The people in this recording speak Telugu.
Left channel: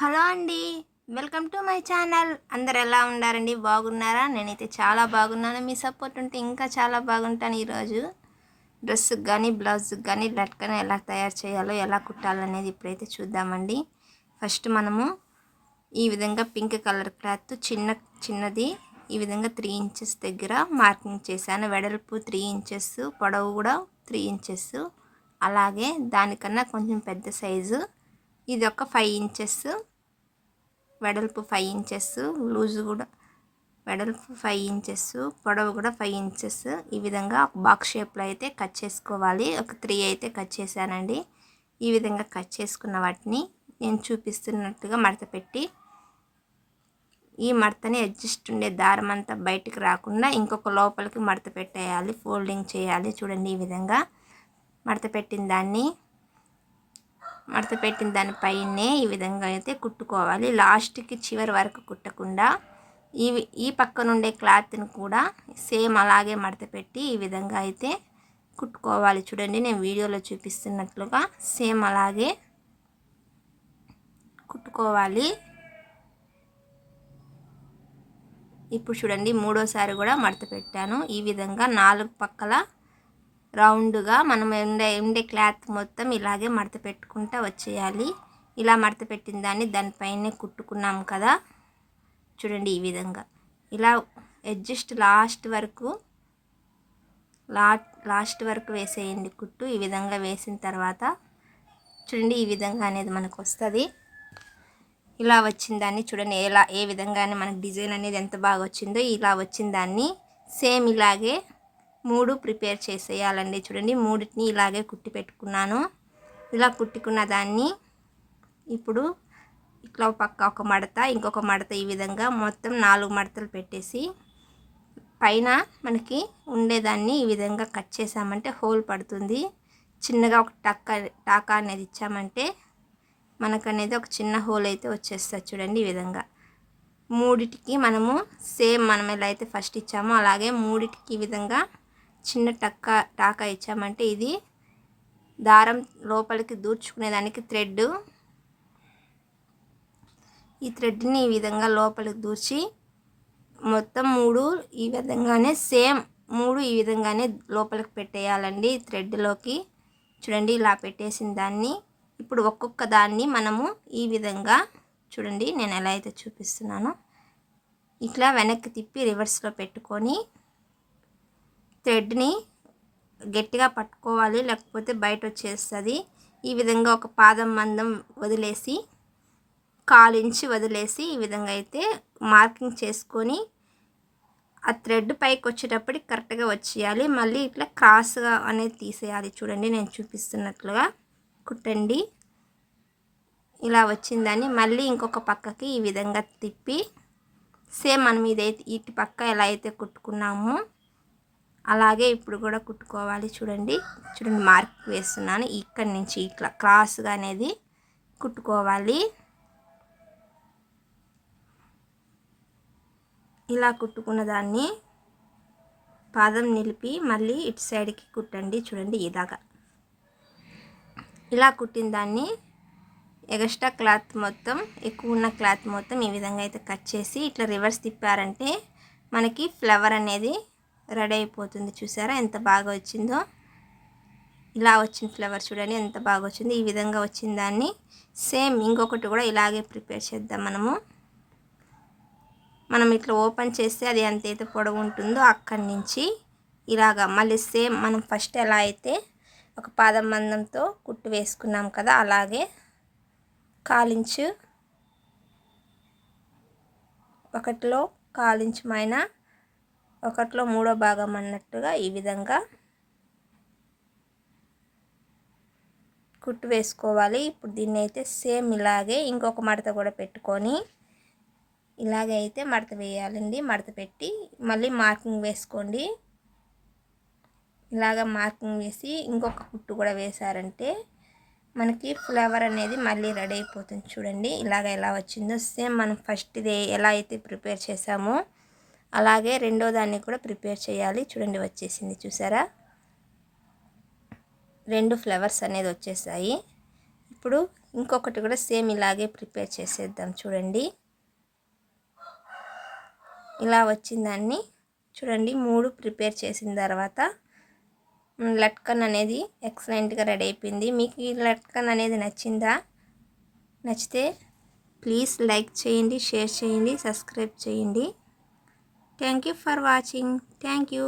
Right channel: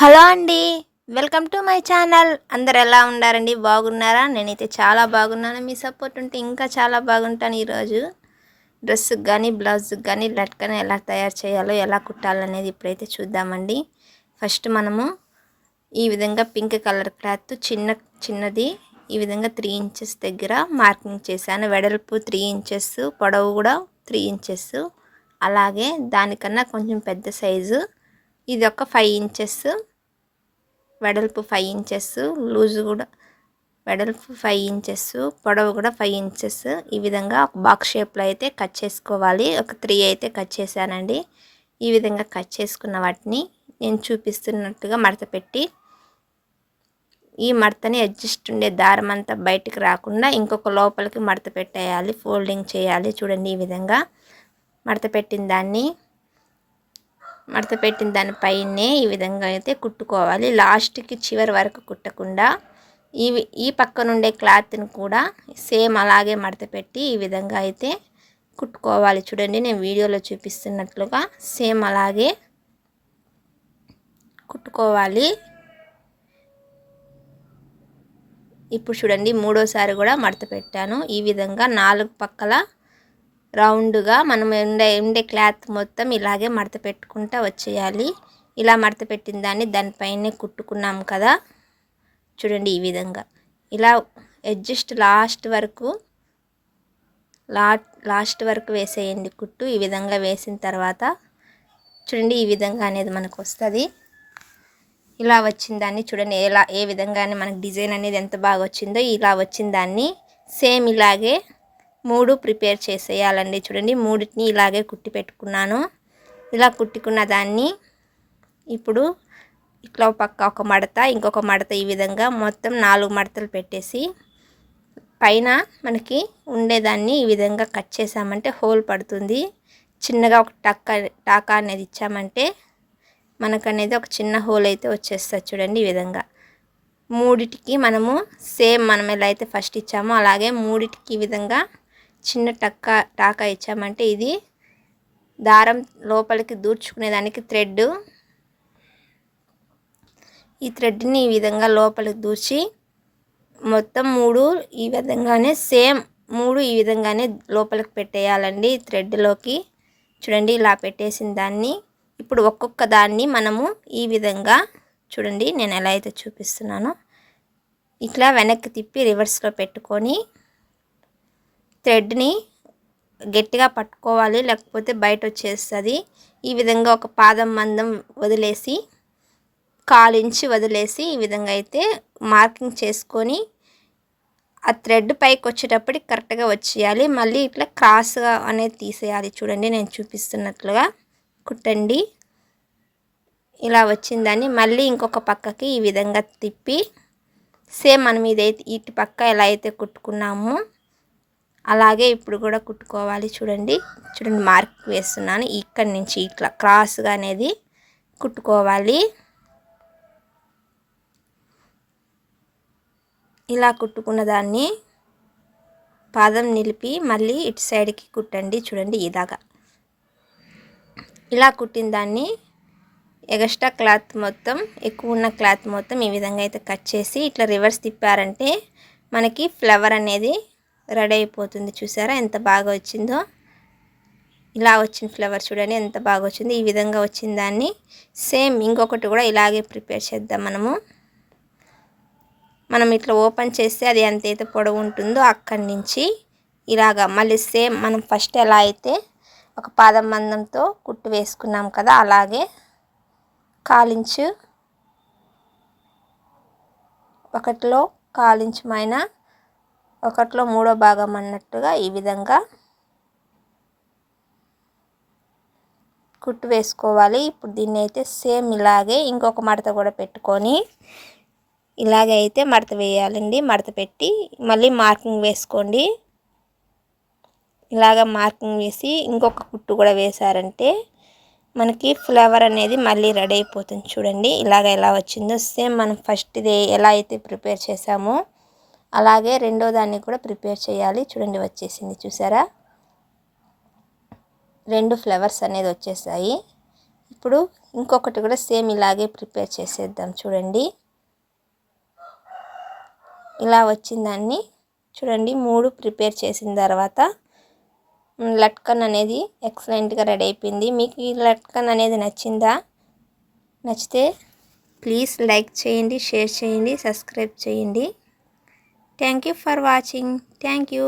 హలో అండి. Welcome to my channel. అందరు ఎలా ఉన్నారండి? బాగున్నారా? నేనైతే చాలా బాగున్నాను. మీ సపోర్ట్ ఉంటే ఇంకా చాలా బాగుంటాను. ఈరోజు డ్రెస్సుకి కానీ బ్లౌజ్కి కానీ లట్కన్ ఎలా తయారు చేయాలో ఎలా కుట్టాలనేది ఇప్పుడైతే చూద్దామండి. ఫస్ట్ మనము ఈ విధంగా పింక్ కలర్ క్లాత్ చిన్నది ఈ విధంగా 3 ఇంచెస్ దగ్గర మార్కింగ్ చేశాను. వెడల్పు 3 ఇంచెస్, పొడవు కూడా 3 ఇంచెస్. అలాగే దానికన్నా కొంచెం పెద్ద సైజు ఇది ఒక 5 ఇంచెస్, వెడల్పు 5 ఇంచెస్, లూజు కూడా వెడల్పు 5 ఇంచెస్, పొడవు కూడా 5 ఇంచెస్. ఈ విధంగా ఒక బాక్స్ షేప్లో అయితే కట్ చేసుకోవాలి. ఒక 3 అయితే కట్ చేశానండి. ఈ విధంగా కట్ చేసుకున్న వాటిని నేను చూపిస్తున్నట్టుగా మడత పెట్టి, ఈ మడతని అడ్జస్ట్ ఉండే దారం అంతా బయటికి రాకుండా ఇంకొక లోపలికి మడత పెట్టేయాలి, ఫోల్డింగ్ చేయాలి. చూడండి ఈ విధంగా మడత పెట్టిన దానిపైనే ఈ విధంగా అయితే కుట్టుకోవాలి. లాస్ట్కి చివరి వరకు కుట్టకుండా ఈ పక్క నుండే క్లాత్ని కూడా సేమ్ అలాగే మడత పెట్టి ఈ విధంగా అయితే కుట్టుకోవాలి. చూడండి నేను వీడియోలో చూపిస్తున్నట్లుగా సేమ్ అలాగే కుట్టుకోవాలి. ఇప్పుడు చూడండి మూడోసారి కూడా మడత పెట్టాను. ఈ విధంగా 4 పక్కల రౌండ్గా మనం ఉండే క్లాత్ మొత్తం ఇలాగే మడత పెట్టుకుంటూ వచ్చేయాలి. ఇలా మడత పెట్టిన దానిపైనే కుట్టుకున్నాం కదా, చూడండి ఈ విధంగా ఇలా అడ్జస్ట్ లాస్ట్ వరకు వేసేయండి కుట్టు. ఈ విధంగా వేసిన తర్వాత చూడండి ఈ విధంగా అనేది మనకు వస్తుంది. ఇలా వచ్చిన దాన్ని చూడండి ఏ విధంగానే మనకు డిజైన్ అనేది ఎంత బాగా వచ్చిందో. ఇలా వచ్చిన దాన్ని సేమ్ ఇలాగే 3 ప్రిపేర్ చేసేయాలండి. చూడండి మూడిటిని ఇలాగే కుట్టి పెట్టుకున్నాను. ఇలా కుట్టుకున్న దాన్ని ఇప్పుడు ఇట్లా ఒక మడత, ఇంకొక మడత, ఈ విధంగా మొత్తం 4 మడతలు పెట్టేసి పైన మనకి ఉండేదాన్ని ఈ విధంగా కట్ చేసామంటే హోల్ పడుతుంది. చిన్నగా ఒక టాకా అనేది ఇచ్చామంటే మనకనేది ఒక చిన్న హోల్ అయితే వచ్చేస్తుంది. చూడండి ఈ విధంగా మూడిటికి మనం ఎలా అయితే ఫస్ట్ ఇచ్చామో అలాగే మూడిటికి ఈ విధంగా చిన్న టాకా ఇచ్చామంటే ఇది దారం లోపలికి దూర్చుకునేదానికి థ్రెడ్. ఈ థ్రెడ్ని ఈ విధంగా లోపలికి దూర్చి మొత్తం 3 ఈ విధంగానే ఈ విధంగానే లోపలికి పెట్టేయాలండి థ్రెడ్లోకి. చూడండి ఇలా పెట్టేసిన దాన్ని ఇప్పుడు ఒక్కొక్క దాన్ని మనము ఈ విధంగా చూడండి నేను ఎలా అయితే చూపిస్తున్నానో ఇట్లా వెనక్కి తిప్పి రివర్స్లో పెట్టుకొని థ్రెడ్ని గట్టిగా పట్టుకోవాలి, లేకపోతే బయట వచ్చేస్తుంది. ఈ విధంగా ఒక పాదం మందం వదిలేసి 1/4 ఇంచు వదిలేసి ఈ విధంగా అయితే మార్కింగ్ చేసుకొని ఆ థ్రెడ్ పైకి వచ్చేటప్పటికి కరెక్ట్గా వచ్చేయాలి. మళ్ళీ ఇట్లా క్రాస్గా అనేది తీసేయాలి. చూడండి నేను చూపిస్తున్నట్లుగా కుట్టండి. ఇలా వచ్చిందని మళ్ళీ ఇంకొక పక్కకి ఈ విధంగా తిప్పి సేమ్ మనం ఇదైతే ఇటు పక్క ఎలా అయితే కుట్టుకున్నామో అలాగే ఇప్పుడు కూడా కుట్టుకోవాలి. చూడండి మార్క్ వేస్తున్నాను. ఇక్కడి నుంచి ఇట్లా క్రాస్గా అనేది కుట్టుకోవాలి. ఇలా కుట్టుకున్న దాన్ని పాదం నిలిపి మళ్ళీ ఇటు సైడ్కి కుట్టండి. చూడండి ఇలాగా ఇలా కుట్టిన దాన్ని ఎక్స్ట్రా క్లాత్ మొత్తం, ఎక్కువ ఉన్న క్లాత్ మొత్తం ఈ విధంగా అయితే కట్ చేసి ఇట్లా రివర్స్ తిప్పారంటే మనకి ఫ్లవర్ అనేది రెడీ అయిపోతుంది. చూసారా ఎంత బాగా వచ్చిందో. ఇలా వచ్చిన ఫ్లవర్ చూడండి ఎంత బాగా వచ్చింది. ఈ విధంగా వచ్చిన దాన్ని సేమ్ ఇంకొకటి కూడా ఇలాగే ప్రిపేర్ చేద్దాం. మనం ఇట్లా ఓపెన్ చేస్తే అది ఎంతైతే పొడవు ఉంటుందో అక్కడి నుంచి ఇలాగా మళ్ళీ సేమ్ మనం ఫస్ట్ ఎలా అయితే ఒక పాదం మందంతో కుట్టు వేసుకున్నాం కదా అలాగే 1/4 ఇంచు, ఒకటిలో 1/4 ఇంచు మైన ఒకటిలో 3వ భాగం అన్నట్టుగా ఈ విధంగా కుట్టు వేసుకోవాలి. ఇప్పుడు దీన్ని అయితే సేమ్ ఇలాగే ఇంకొక మడత కూడా పెట్టుకొని ఇలాగే అయితే మడత వేయాలండి. మడత పెట్టి మళ్ళీ మార్కింగ్ వేసుకోండి. ఇలాగ మార్కింగ్ వేసి ఇంకొక కుట్టు కూడా వేశారంటే మనకి ఫ్లవర్ అనేది మళ్ళీ రెడీ అయిపోతుంది. చూడండి ఇలాగ ఎలా వచ్చిందో సేమ్ మనం ఫస్ట్ది ఎలా అయితే ప్రిపేర్ చేసామో అలాగే రెండో దాన్ని కూడా ప్రిపేర్ చేయాలి. చూడండి వచ్చేసింది చూసారా, 2 ఫ్లవర్స్ అనేది వచ్చేసాయి. ఇప్పుడు ఇంకొకటి కూడా సేమ్ ఇలాగే ప్రిపేర్ చేసేద్దాం. చూడండి ఇలా వచ్చిందాన్ని. చూడండి 3 ప్రిపేర్ చేసిన తర్వాత లట్కన్ అనేది ఎక్సలెంట్గా రెడీ అయిపోయింది. మీకు ఈ లట్కన్ అనేది నచ్చిందా? నచ్చితే ప్లీజ్ లైక్ చేయండి, షేర్ చేయండి, సబ్స్క్రైబ్ చేయండి. Thank you for watching. Thank you.